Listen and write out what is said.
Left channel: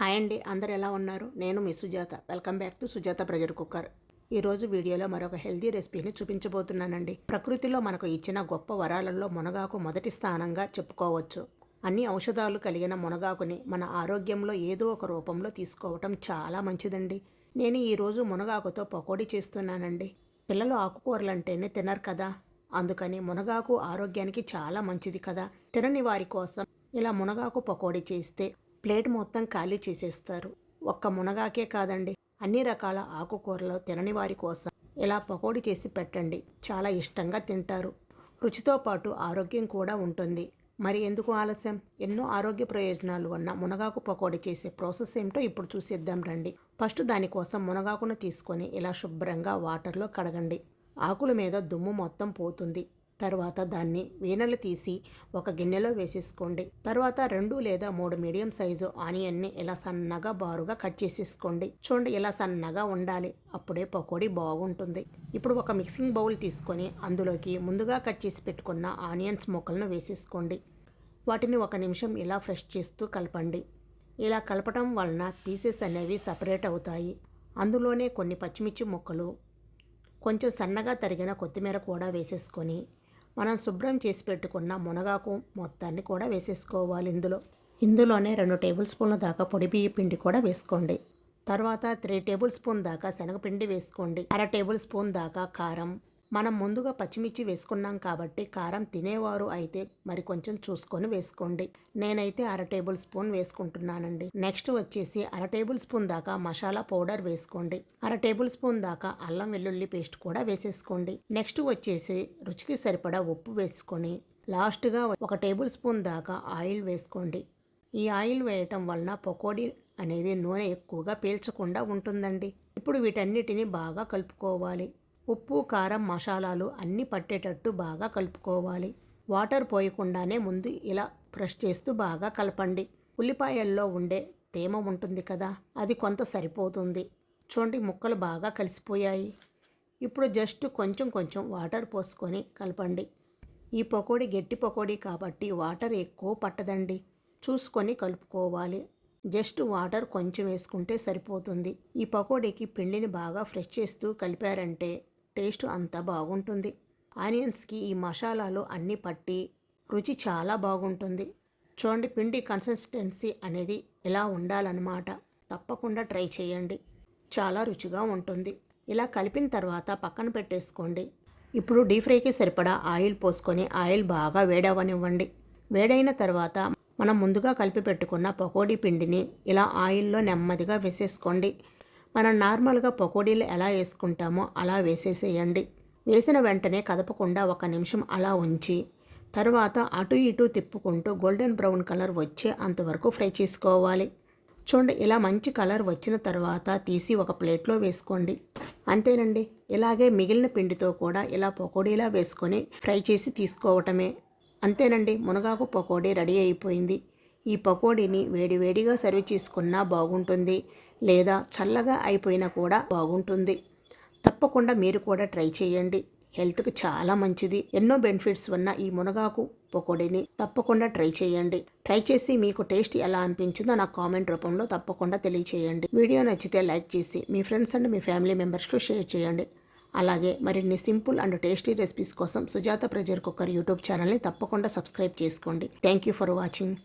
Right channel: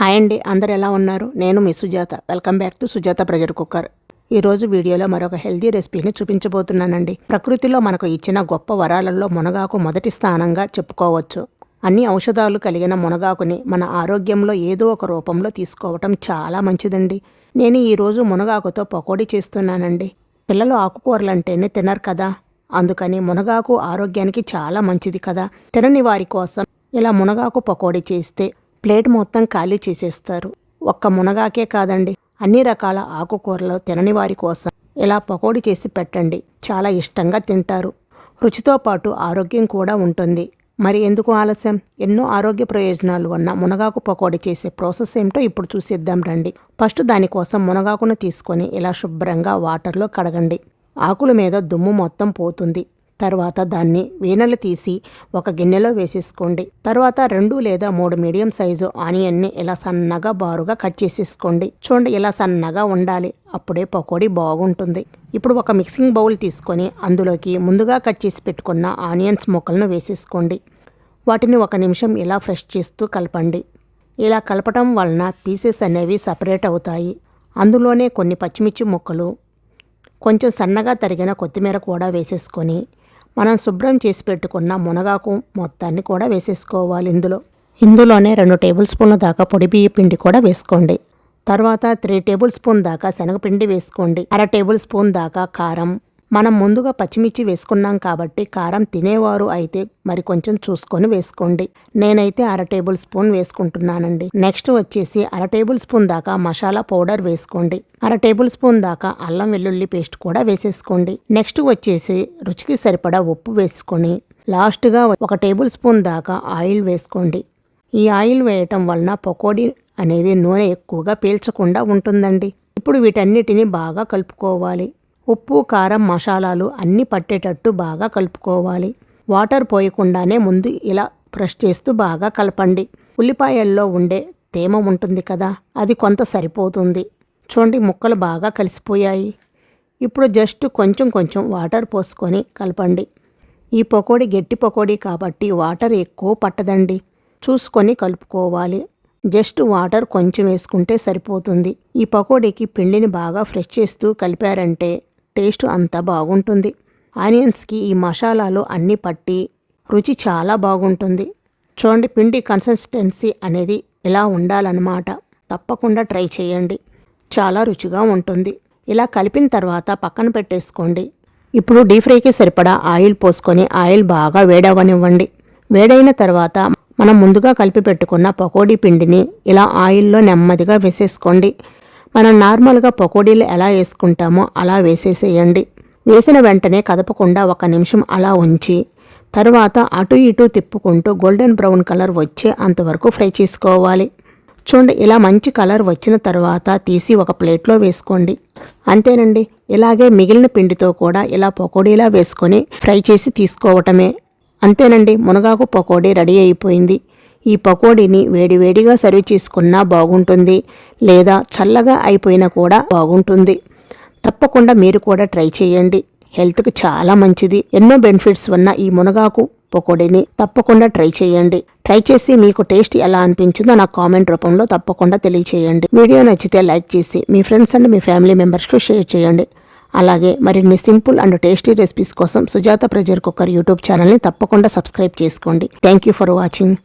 Hi అండి, అందరు ఎలా ఉన్నారు? నేను మీ Sujatha. Welcome back to Sujatha pressure cooker. ఈరోజు వీడియోలో మరొక హెల్దీ రెసిపీని చూపించబోతున్నానండి. ప్రకృతిలో మనకు ఇచ్చిన గొప్ప వరాలలో మునగాకు మొదటి స్థానంగా చెప్పుకోవచ్చు. అన్ని ఔషధాలు కలిగిన మునగాకుని మన ఆరోగ్యంలో ఏదో ఒక రూపంలో తీసుకోవటం చాలా మంచిదండి. నేను ఈరోజు మునగాకుతో పకోడీ చేస్తున్నానండి. పిల్లలు ఆకుకూరలంటేనే తినరు కదా, అందుకని మునగాకు ఆరోగ్యానికి చాలా మంచిది కదా. తినని వారి కోసం ఇలా మునగాకు పకోడీ చేస్తే ప్లేట్ మొత్తం ఖాళీ చేసేస్తారు. ఒక్క మునగాకే కాదండి, అన్ని రకాల ఆకుకూరలు తినని వారి కోసం ఇలా పకోడీ చేసి పెట్టండి, చాలా ఇష్టంగా తింటారు. రుచితో పాటు ఆరోగ్యం కూడా ఉంటుంది. మరి ఎందుకు ఆలస్యం? ఎన్నో ఆరోగ్య ప్రయోజనాలు ఉన్న మునగాకు పకోడీ చేసే ప్రాసెస్ ఏమిటో ఇప్పుడు చూసేద్దాం రండి. ఫస్ట్ దానికోసం మునగాకును తీసుకొని ఇలా శుభ్రంగా వాటర్లో కడగండి. ఆకుల మీద దుమ్ము మొత్తం పోతుంది. తర్వాత దాన్ని వీనలు తీసి ఒక గిన్నెలో వేసేసుకోండి. తర్వాత 2 లేదా 3 మీడియం సైజు ఆనియన్ని ఇలా సన్నగా బారుగా కట్ చేసేసుకోండి. చూడండి, ఇలా సన్నగా ఉండాలి, అప్పుడే పకోడీ బాగుంటుంది. ఇప్పుడు ఒక మిక్సింగ్ బౌల్ తీసుకొని అందులోకి ముందుగా కట్ చేసి పెట్టుకున్న ఆనియన్స్ ముక్కలను వేసేసుకోండి. వాటిని 1 నిమిషం ఇలా ఫ్రెష్ చేస్తూ కలపండి. ఇలా కలపటం వలన పీసెస్ అనేవి సపరేట్ అవుతాయి. అందులోనే కొన్ని పచ్చిమిర్చి ముక్కలు, కొంచెం సన్నగా తరిగిన కొత్తిమీర కూడా వేసేసుకొని మనం శుభ్రం చేసి పెట్టుకున్న మునగాకు మొత్తాన్ని కూడా వేసేసుకోవాలి. ఇందులోనే 2 టేబుల్ స్పూన్ల దాకా పొడి బియ్య పిండి కూడా వేసుకోండి. తర్వాత 3 టేబుల్ స్పూన్ దాకా శనగపిండి వేసుకోండి. 1/2 టేబుల్ స్పూన్ దాకా కారం. మనం ముందుగా పచ్చిమిర్చి వేసుకున్నాం కాబట్టి కారం తినేవారు అయితే మరి కొంచెం చూసుకొని వేసుకోండి. నేనైతే 1/2 టేబుల్ స్పూన్ వేసుకుంటున్నానండి. నెక్స్ట్ వచ్చేసి 1/2 టేబుల్ స్పూన్ దాకా మసాలా పౌడర్ వేసుకోండి. 1/2 టేబుల్ స్పూన్ దాకా అల్లం వెల్లుల్లి పేస్ట్ కూడా వేసేసుకోండి. నెక్స్ట్ వచ్చేసి రుచికి సరిపడా ఉప్పు వేసుకొని లాస్ట్గా 1 టేబుల్ స్పూన్ దాకా ఆయిల్ వేసుకోండి. ఈ ఆయిల్ వేయటం వలన పకోడీ అనేది నూనె ఎక్కువగా పీల్చకుండా ఉంటుందండి. ఇప్పుడు వీటన్నిటిని బాగా కలుపుకోవాలి. ఉప్పు, కారం, మసాలాలు అన్నీ పట్టేటట్టు బాగా కలుపుకోవాలి. వాటర్ పోయకుండానే ముందు ఇలా ప్రెస్ చేస్తూ బాగా కలపండి. ఉల్లిపాయల్లో ఉండే తేమ ఉంటుంది కదా, అది కొంత సరిపోతుంది. చూడండి, ముక్కలు బాగా కలిసిపోయాయి. ఇప్పుడు జస్ట్ కొంచెం వాటర్ పోసుకొని కలపండి. ఈ పకోడీ గట్టి పకోడీ కాబట్టి వాటర్ ఎక్కువ పట్టదండి, చూసుకొని కలుపుకోవాలి. జస్ట్ వాటర్ కొంచెం వేసుకుంటే సరిపోతుంది. ఈ పకోడీకి పిండిని బాగా ఫ్రెష్ చేస్తూ కలిపారంటే టేస్ట్ అంతా బాగుంటుంది. ఆనియన్స్కి ఈ మసాలాలు అన్నీ పట్టి రుచి చాలా బాగుంటుంది. చూడండి, పిండి కన్సిస్టెన్సీ అనేది ఇలా ఉండాలన్నమాట. తప్పకుండా ట్రై చేయండి, చాలా రుచిగా ఉంటుంది. ఇలా కలిపిన తర్వాత పక్కన పెట్టేసుకోండి. ఇప్పుడు డీప్ ఫ్రైకి సరిపడా ఆయిల్ పోసుకొని ఆయిల్ బాగా వేడవనివ్వండి. వేడైన తర్వాత మనం ముందుగా కలిపి పెట్టుకున్న పకోడీ పిండిని ఇలా ఆయిల్లో నెమ్మదిగా వేసేసుకోండి. మనం నార్మల్గా పకోడీలు ఎలా వేసుకుంటామో అలా వేసేసేయండి. వేసిన వెంటనే కదపకుండా 1 నిమిషం అలా ఉంచి తర్వాత అటు ఇటు తిప్పుకుంటూ గోల్డెన్ బ్రౌన్ కలర్ వచ్చే అంతవరకు ఫ్రై చేసుకోవాలి. చూడండి, ఇలా మంచి కలర్ వచ్చిన తర్వాత తీసి ఒక ప్లేట్లో వేసుకోండి. అంతేనండి, ఇలాగే మిగిలిన పిండితో కూడా ఇలా పకోడీలా వేసుకొని ఫ్రై చేసి తీసుకోవటమే. అంతేనండి, మునగాకు పకోడీ రెడీ అయిపోయింది. ఈ పకోడీని వేడివేడిగా సర్వ్ చేసుకున్నా బాగుంటుంది, లేదా చల్లగా అయిపోయినా కూడా బాగుంటుంది. తప్పకుండా మీరు కూడా ట్రై చేయండి, హెల్త్కి చాలా మంచిది. ఎన్నో బెనిఫిట్స్ ఉన్న ఈ మునగాకు పకోడీని తప్పకుండా ట్రై చేయండి. ట్రై చేసి మీకు టేస్ట్ ఎలా అనిపించిందో నాకు కామెంట్ రూపంలో తప్పకుండా తెలియచేయండి. వీడియో నచ్చితే లైక్ చేసి మీ ఫ్రెండ్స్ అండ్ మీ ఫ్యామిలీ మెంబర్స్కి షేర్ చేయండి. అలాగే మరిన్ని సింపుల్ అండ్ టేస్టీ రెసిపీస్ కోసం సుజాత ప్రెషర్ కుక్కర్ యూట్యూబ్ ఛానల్ని తప్పకుండా సబ్స్క్రైబ్ చేసుకోండి. Thank you for watching.